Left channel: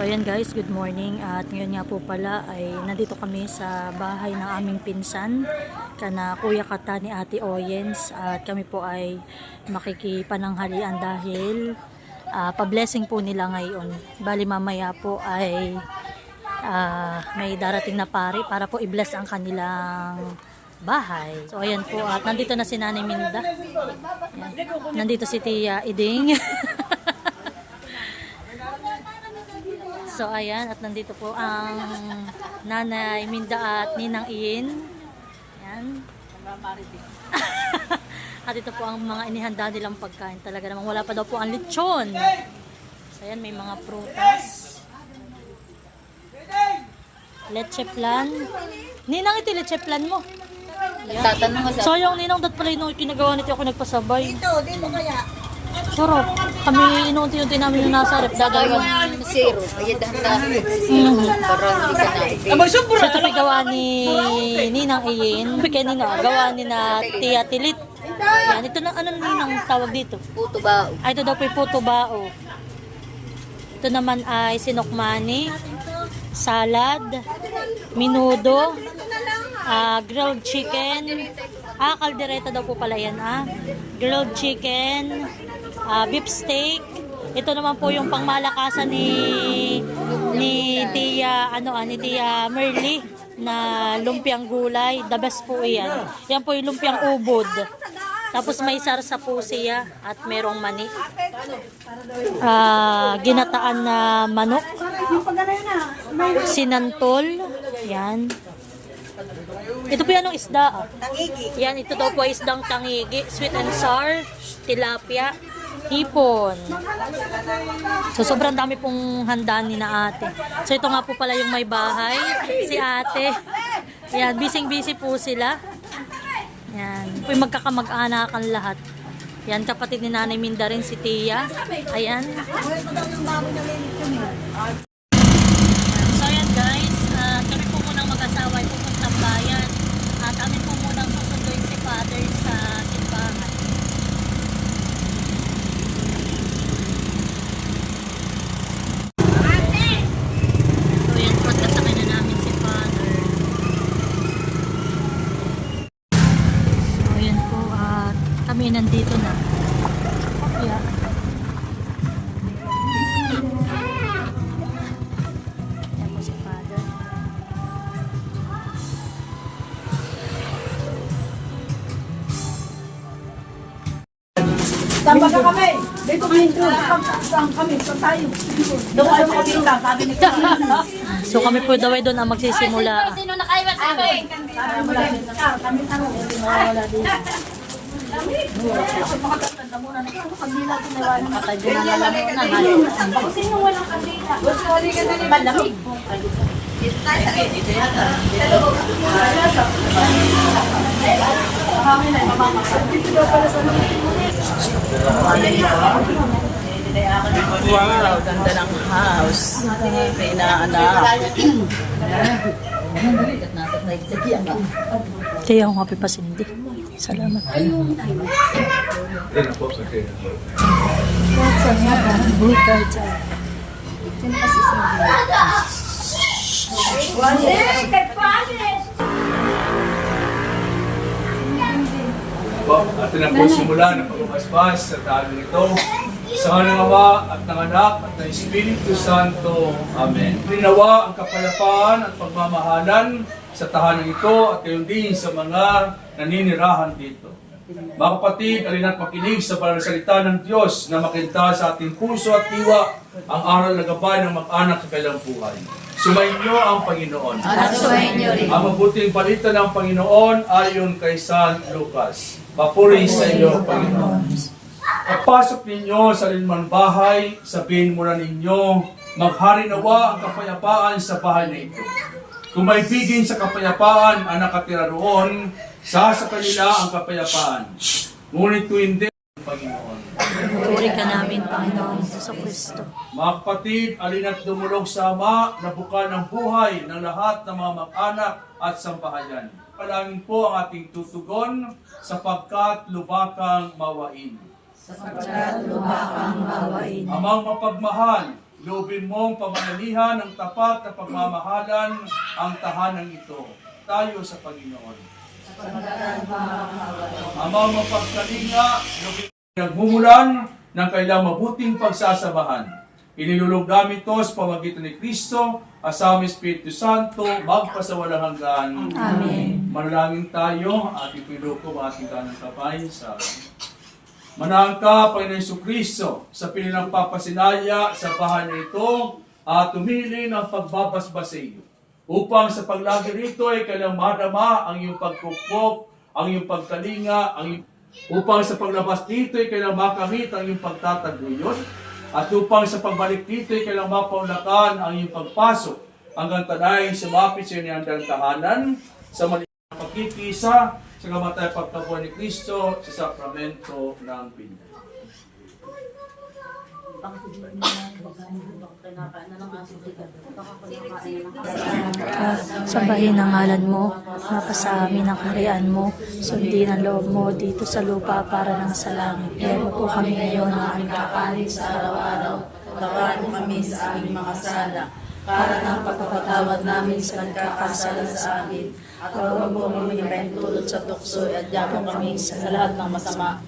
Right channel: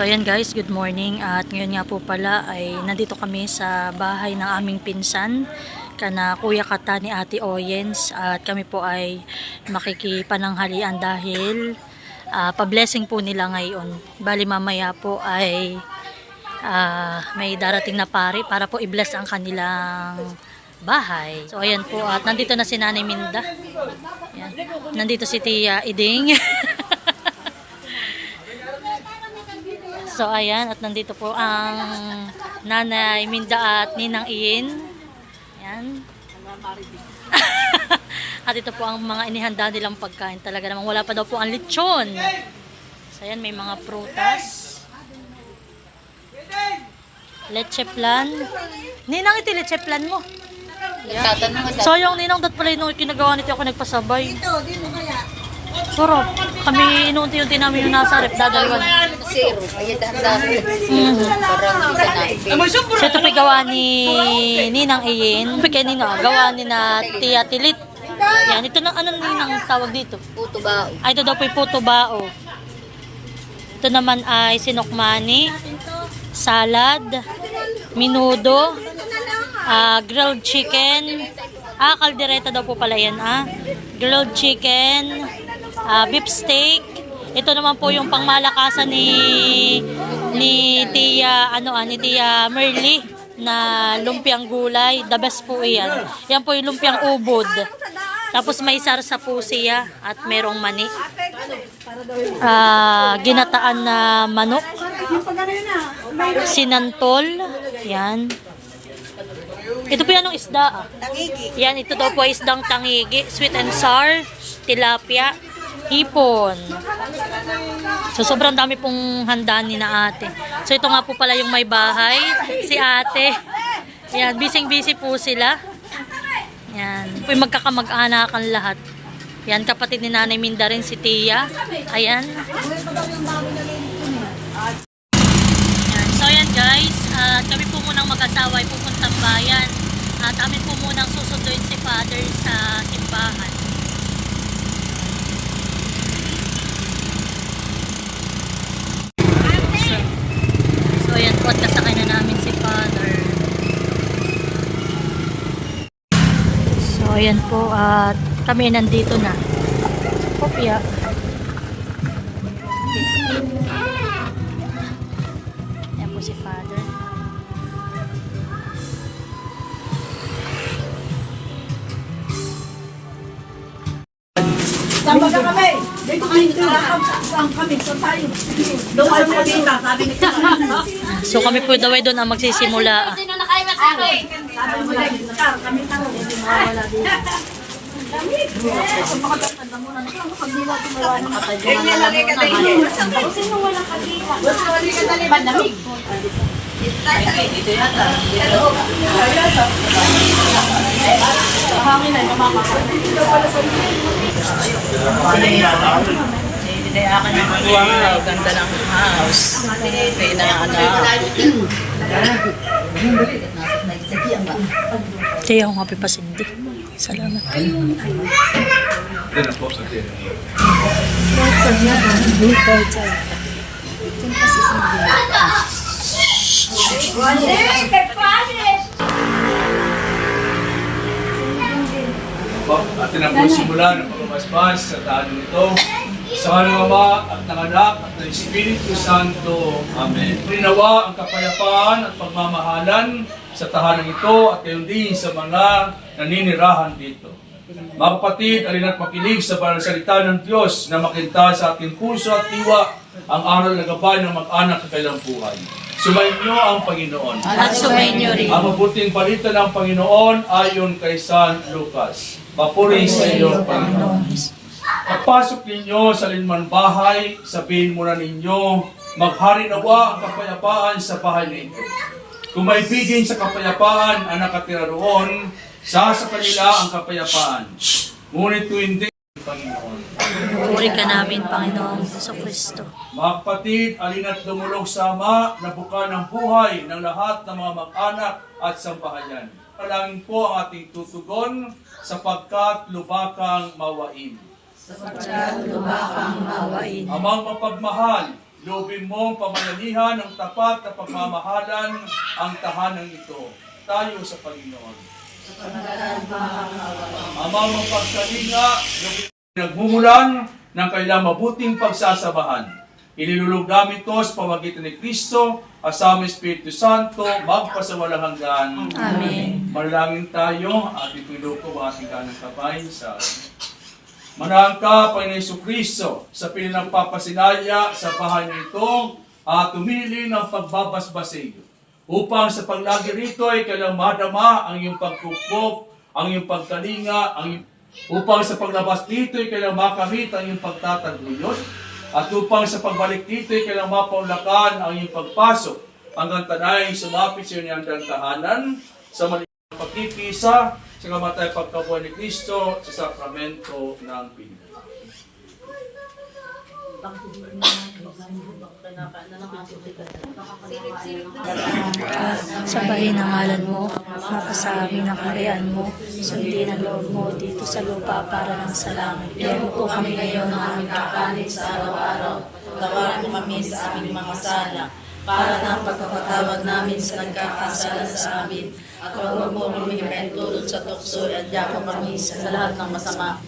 So ayan guys, good morning. At ngayon nga po pala ay nandito kami sa bahay ng aming pinsan, kana Kuya Kata ni Ate Oyens. At kami po ay makikipananghalian dahil pa-blessing po nila ngayon. Bali mamaya po ay may darating na pari para po i-bless ang kanilang bahay. So ayan po, at nandito na si Nanay Minda. Ayan. Nandito si Tia Iding. So ayan, at nandito po ang Nanay Minda at Ninang Iin. Ayan. At ito po ang mga inihanda nilang pagkain. Talaga namang wala pa daw po ang lechon. So ayan, may mga prutas. Leche plan. Ninang, iti leche plan mo. So yung Ninang, dat pala yung kinagawa nito ako nagpasabay. Dito kaya. Sarap. Kami inuunti-unti namin yung nasa rep, dadalwan. Zero. Ay, dami. So ito po gawa ni Ninang Iin. Kaya Nina, gawa ni na Tia Tilit. Yan, ito na, ano nang tawag dito? Puto bao. Ay, ito daw po yung puto bao. Ito naman ay sinokmani, salad, minudo, grilled chicken, kaldereta daw po pala yan, grilled chicken, beef steak. Ito naman po yung pangmalakasan ni Tia ni Tia Merly na lumpiang gulay. The best po iyan. Yan po yung lumpiang ubod. Tapos may sarsa po siya at merong mani. Ginataan na manok. Sinantol. Yan. Ito po yan ng isda. Yan, ito daw po isdang tangigi. Sweet and sour, tilapia, hipon. So sobrang dami pong handaan ni na ate. So ito nga po pala yung may bahay, si ate. Yan, busy po sila. Yan, po yung magkakamag-anakan lahat. Yan, kapatid ni Nanay Minda rin, si Tia. Ayan. Yan. So yan guys, kami po munang mag-asawa ay pupuntang bayan. At amin po munang susunduin si Father sa simbahan. So ayan po, at kasakay na namin si Father. So ayan po, at kami nandito na. Kopya. Ayan po si Father. Tama ka kami. Dito kami. So tayo. Doon ay makikita. Sabi ni So kami po daw ay doon ang magsisimula. Sino nakaiwan sa akin? kami tango. Wala dito. Makatanda muna na pag nila tumawa ng katay. Ako sino walang kabila? Pandamig. Dito yata. Hangin ay mamamakan. Dito pala sa Wow, ganda ng house. Tia, ako nga pipasindi. Salamat po. Atin na po simulan ang pagmamahal sa tahanan ito. Sa ng Ama at ng Anak at ng Espiritu Santo. Amen. Rinawa ang kapayapaan at pagmamahalan sa tahanan ito at gayon din sa mga naninirahan dito. Mga kapatid, alina't makinig sa banal salita ng Diyos na makinta sa ating puso at diwa ang aral na gabay ng mag-anak sa kailang buhay. Sumainyo ang Panginoon. At sumainyo rin. Ang mabuting balita ng Panginoon ayon kay San Lucas. Papuri sa iyo, Panginoon. Pagpasok ninyo sa linman bahay, sabihin muna ninyo, maghari nawa ang kapayapaan sa bahay na ito. Kung may bigin sa kapayapaan ang nakatira roon, sa kanila ang kapayapaan. Ngunit kung hindi, Panginoon. Puri ka namin, Panginoong Jesucristo. Mga kapatid, alina't dumulog sa Ama na buka ng buhay ng lahat ng mga mag-anak at sambahayan. Palangin po ang ating tutugon sapagkat lubakang mawain. Sapagkat lubakang mawain. Amang mapagmahal, Loobin mong pamanalihan ng tapat na pagmamahalan ang tahanang ito. Tayo sa Panginoon. Amang mapagkalinga, nagmumulan ng kailang mabuting pagsasabahan. Inilulog namin ito sa pamagitan ni Kristo, asama Espiritu Santo, magpasawalang hanggan. Amen. Manalangin tayo at ipilo ko ang ating kanang kapay sa Manahan ka, Panginoon Jesucristo, sa pinagpapasinaya sa bahay nito at tumili ng pagbabasbasig upang sa paglagi rito ay kailang madama ang iyong pagpupok, ang iyong pagkalinga, upang sa paglabas dito ay kailang makamit ang iyong pagtataguyod, at upang sa pagbalik dito ay kailang mapaulakan ang iyong pagpasok hanggang tanay sumapit sa iyong tahanan sa maliit na pagkipisa sa kamatay pagkabuhay ni Kristo sa sakramento ng Panginoon. Sambahin ang ngalan mo, mapasa amin ang kaharian mo, sundin ang loob mo dito sa lupa para ng sa langit. Bigyan mo po kami ngayon ng aming kakanin sa araw-araw. Tawaan mo kami sa aming mga sala, para na pagpapatawad namin sa nagkakasala sa amin. At huwag mo kami tulad sa tukso at yapo kami sa lahat ng masama.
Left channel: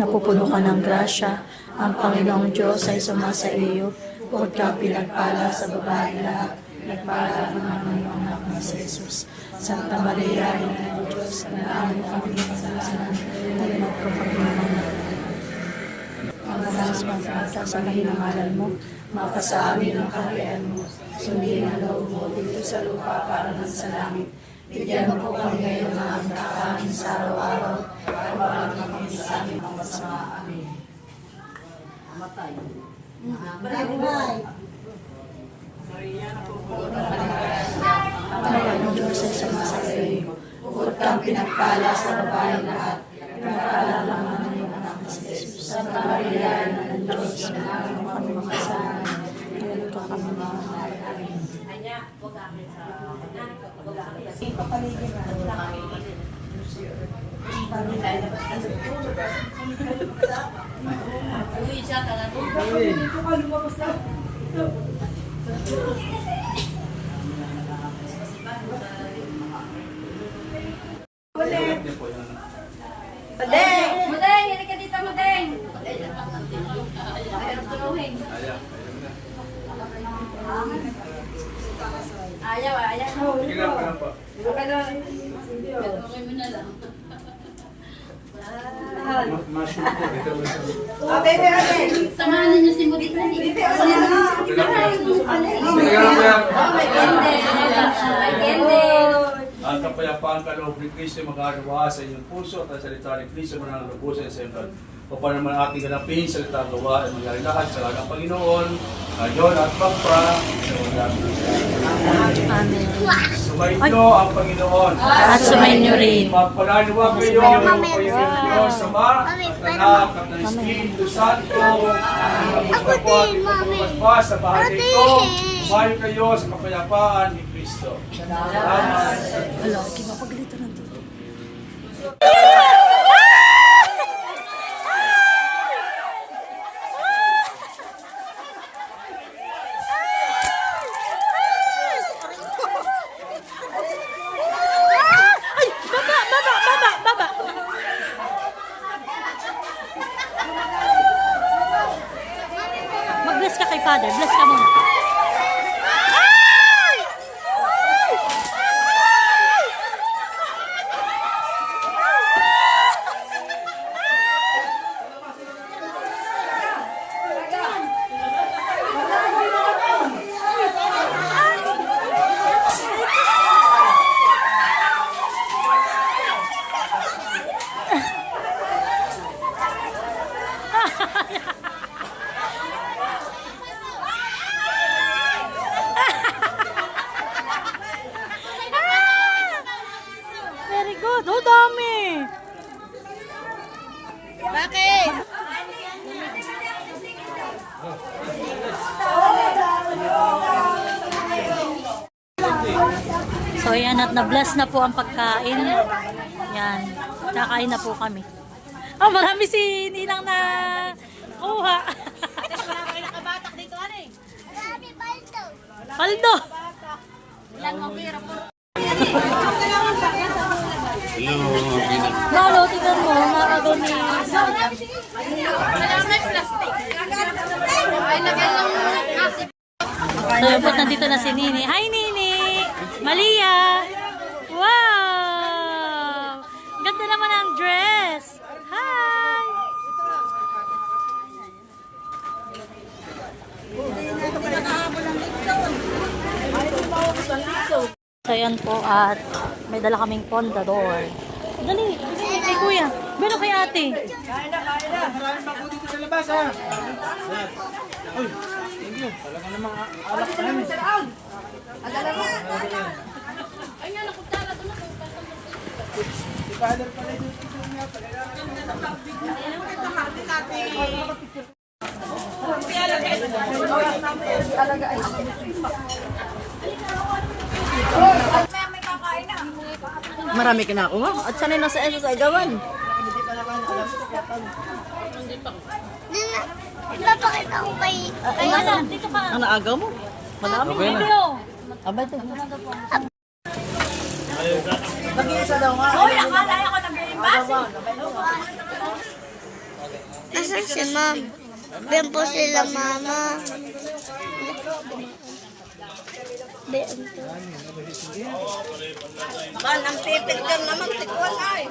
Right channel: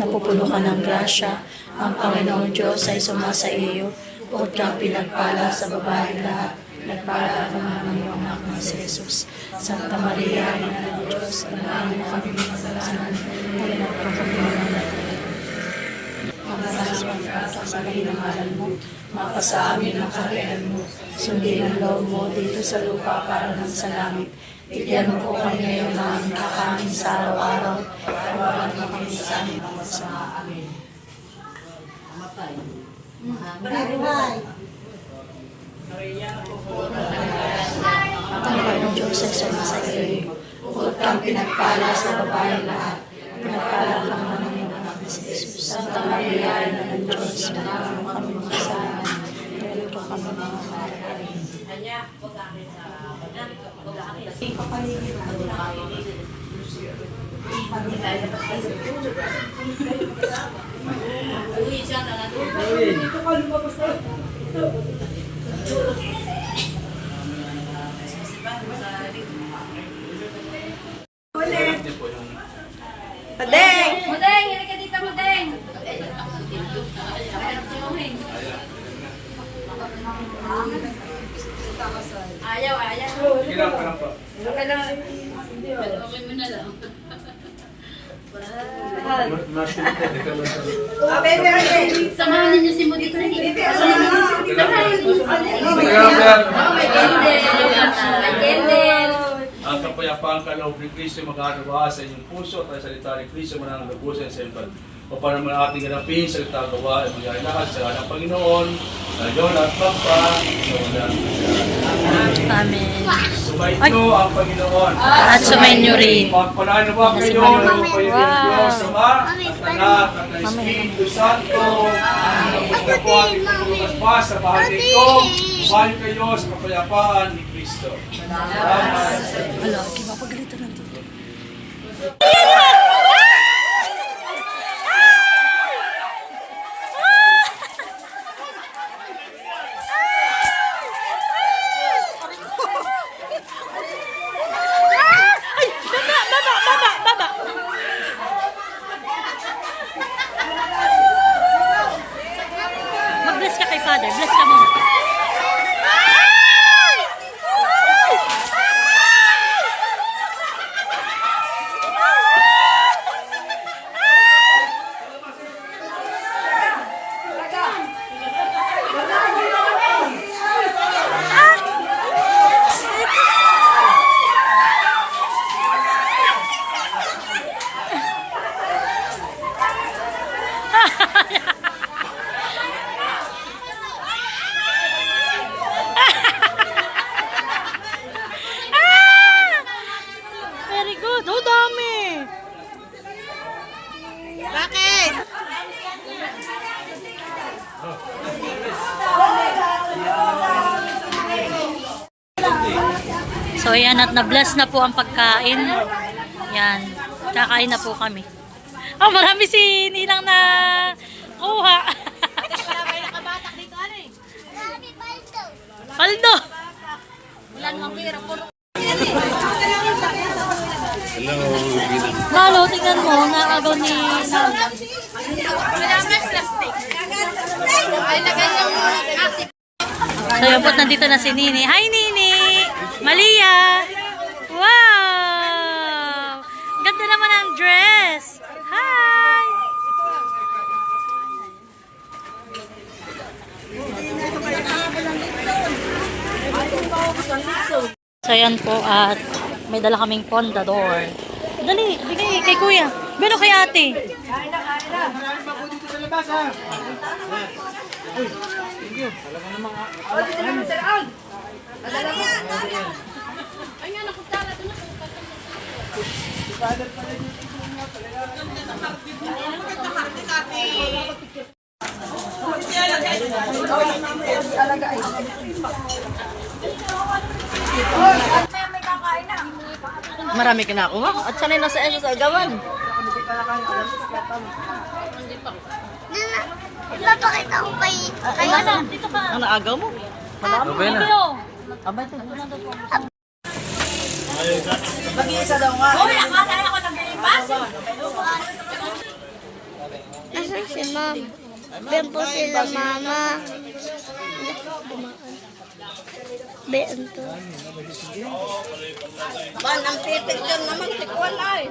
Napupuno ka ng grasya, ang Panginoong Diyos ay sumasa iyo, bukod kang pinagpala sa babae lahat, nagpala ka naman ng anak na si Jesus. Santa Maria, Ina ng Diyos, kanahan mo kami ng kasalanan, ngayon at kung kami naman natin. Ang malas magkasabahin ang halal mo, mapasa amin ang kaharian mo, sundin ang loob mo dito sa lupa para ng sa langit. Bigyan mo po kami ngayon ng aming kakanin sa araw-araw, pagbabalaan mo kami sa aming mga masama. Amen. Ang Panginoong Diyos ay sumasa iyo, bukod kang pinagpala sa babae lahat, pinagpala ka naman ng iyong anak na si Jesus. Santa Maria, Ina ng Diyos, kanahan mo kami mga kasalanan, ngayon ko kami mga Amen. Mudeng, hindi ka dito, Mudeng. Ayaw. Kailangan ka lang pa. Samahan niyo si Mudeng. Ang kapayapaan kaloob ni Kristo mag-aawa sa inyong puso at ang salita ni Kristo manang lubusan sa iyong o para naman ating ganapin sa gawa ay mangyari lahat sa ng Panginoon, ngayon at magpa, Amen. Sumainyo ang Panginoon. At sumainyo rin. Magpalaniwa kayo ng Panginoon Diyos, Ama, at Anak, at ang Espiritu Santo, ang po at ipagpapaspas sa bahay nito, mahal kayo sa kapayapaan ni Kristo. Salamat. Hala, kinapagalitan na ito. Baba! Mag-bless ka kay Father. Bless ka muna. Very good. Oh, dami. Bakit? So, yan. At na-bless na po ang pagkain. Yan. Kakain na po kami. Oh, marami si Ninang na kuha. Paldo. Malo, tingnan mo. Nakagaw ni... So yun po, nandito na si Nini. Hi, Nini! Malia! Wow! Ganda naman ang dress! Hi! So yan po at may dala kaming pondador. Dali, bigay kay kuya. Bino kay ate. Maraming bako dito sa labas, ha? Uy, thank you. Talaga namang alak na yun. Marami ka na ako nga. At sanay na sa agawan. Napakita ko kay... Ang naagaw mo? Ito. Aba ito. Nasaan si ma'am? Ben po sila mama. Ben to. Man, ang pipit ka naman, tikwan ay.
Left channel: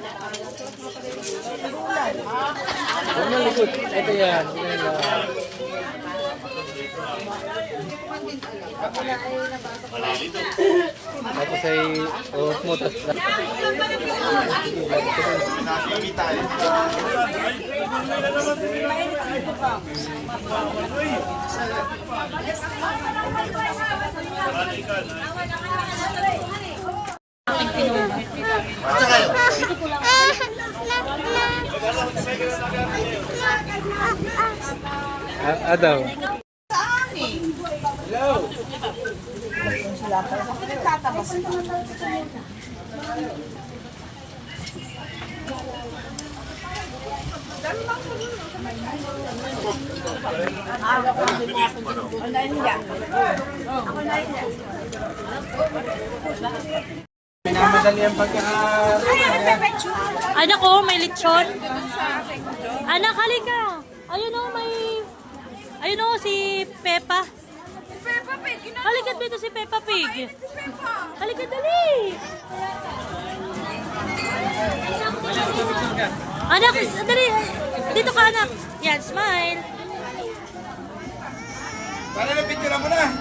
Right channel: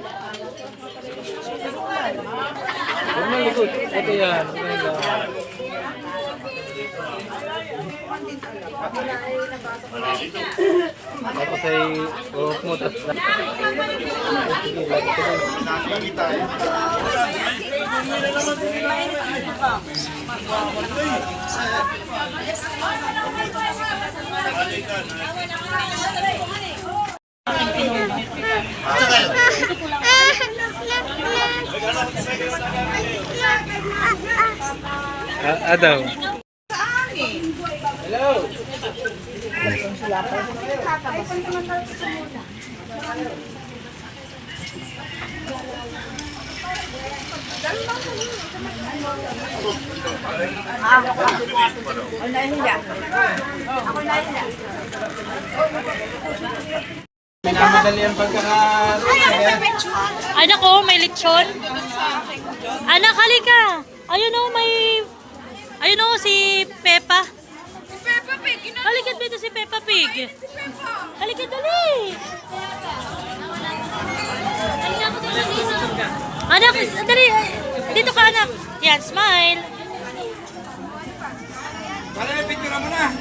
Huwag mo likod. Ito yan. Tapos ay uhok mo. Tapos sige, lagi ko din. Aking pinuha. Adaw. Minamadali ang pagkaka... Anak ko, may lechon. Anak, halika. Ayun o, may... Ayun o, si Peppa. Halika dito si Peppa Pig. Halika, dali. Anak, dali. Dito ka, anak. Yan, smile. Para na picture mo na!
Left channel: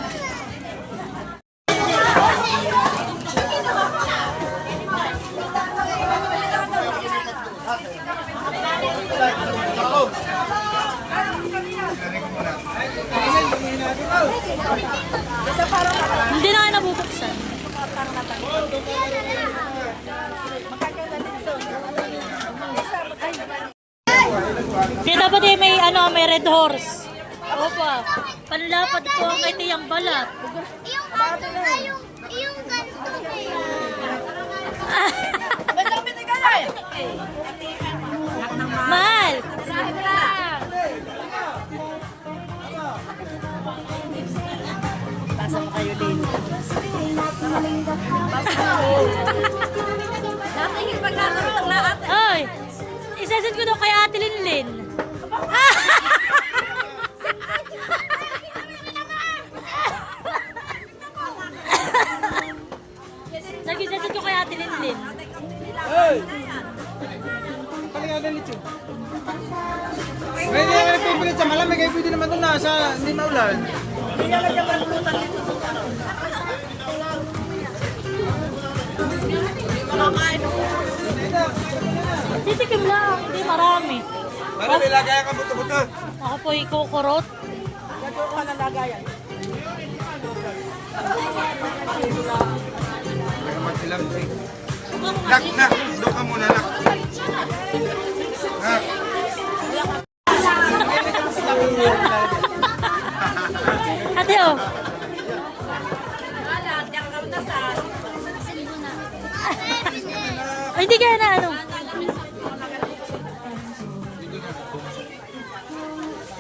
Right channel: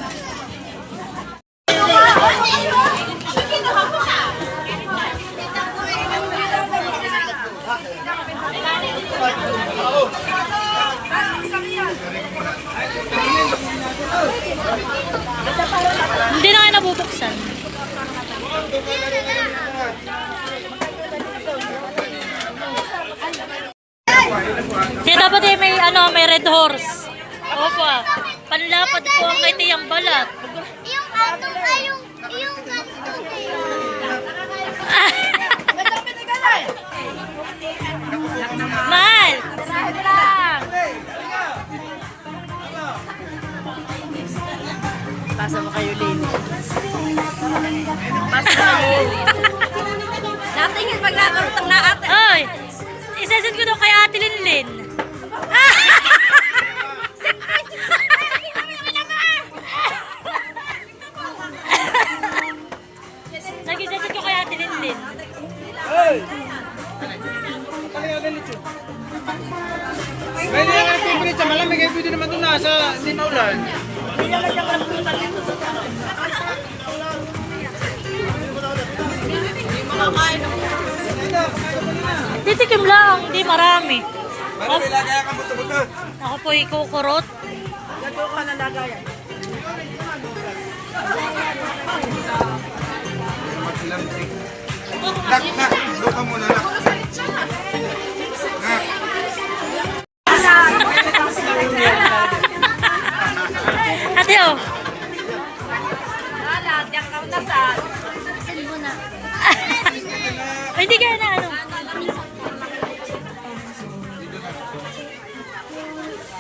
Hindi na kayo nabubuksan. Kaya dapat eh, may ano, may red horse. Opo. Panlapad po ang kay Tiyang Balat. Yung ano, yung Mahal! Pasa mo kayo, Lini. Natingin pag nakarutang na ate. Ay! Isasend ko daw kay Ate Linlin. Nag-isasend ko kay Ate Linlin. May nagpipilit sa malamig, ay pwede naman ito nasa hindi na ulan. Titikim lang, hindi marami. Para may lagay ka buto-buto. Ako po ikukurot. Nak, doon ka muna lang. Ate oh. Ay, hindi kaya na ano.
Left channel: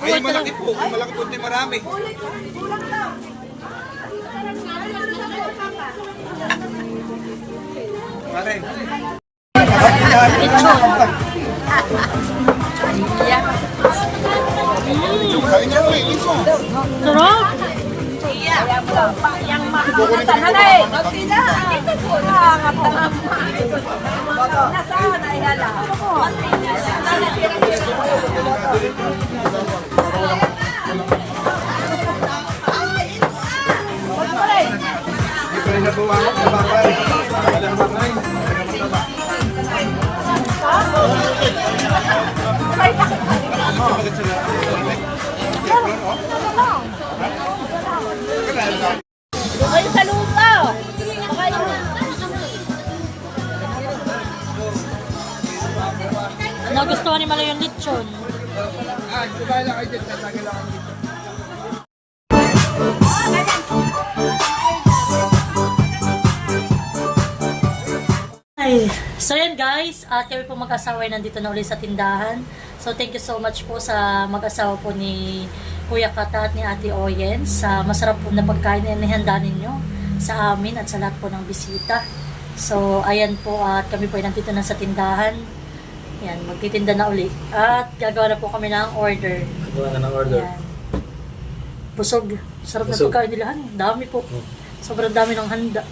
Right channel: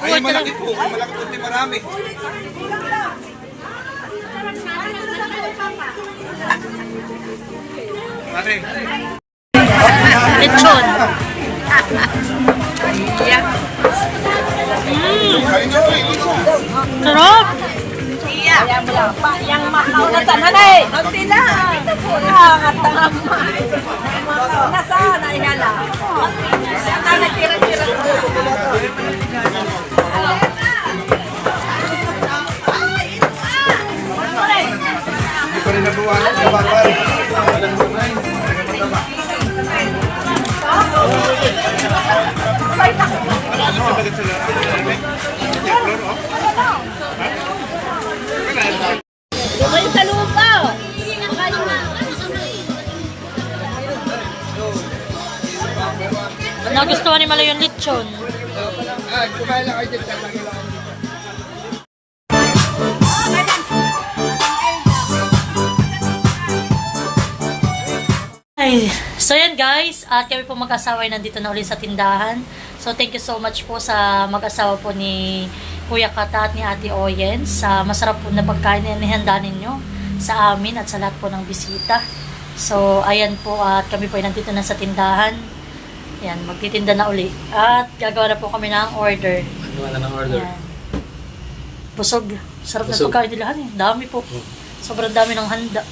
Ay, malaki po. Ay, malaki po. Hindi marami. Lechon. Sarap. Nagustuhan ni Malay yung lechon. Ay, so yan guys, at kami po mag-asawa ay nandito na ulit sa tindahan. So thank you so much po sa mag-asawa po ni Kuya Kata at ni Ate Oyen sa masarap po na pagkain na nihanda ninyo sa amin at sa lahat po ng bisita. So ayan po, at kami po ay nandito na sa tindahan. Yan, magtitinda na uli. At gagawa na po kami ng order. Gawa na ng order. Yan. Busog. Sarap na Busog. pagkain nila. Dami po. Sobrang dami ng handa.